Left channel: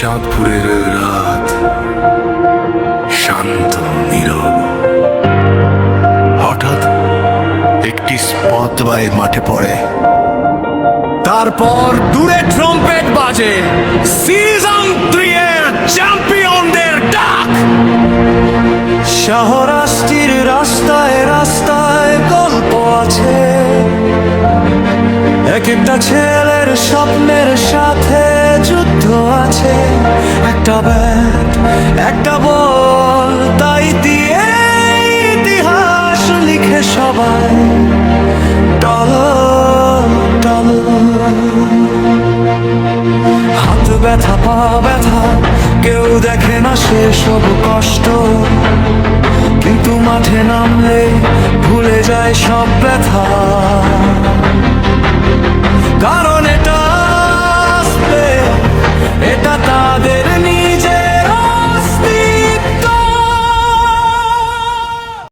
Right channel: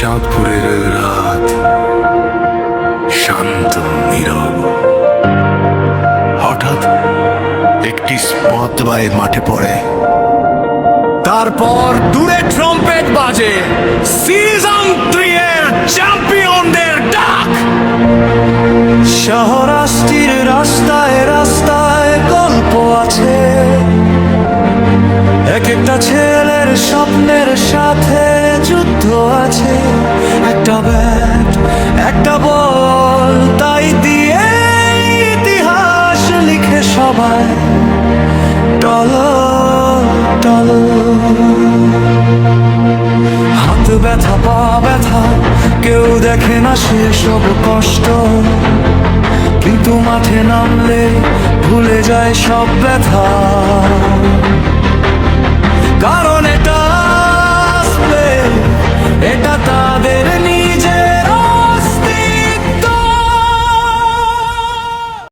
চাঁদপুরের রাত শান্ত নীরব। হঠাৎ একটি স্পটলাইট মাঠে পড়ে, তারপর দূরে ট্রাম্পেট বাজে, সিজন 3 এর চ্যাম্পিয়নদের ডাক। শহরাস্তির রাস্তায় রাস্তায় গল্প আছে, এক একটা ছেলের স্বপ্নের সাথে যুদ্ধ আছে। একটা ব্যাট, একটা বল, তাই দিয়ে ইতিহাস লিখে সবাই টল টল। হাত ব্যথা, পা ব্যথা, কেউ দেখে না সেসব কষ্ট, কিন্তু মাঠে নামলে ভুলে যায় সব ব্যথা। কারণ এটা তাদের নিয়ে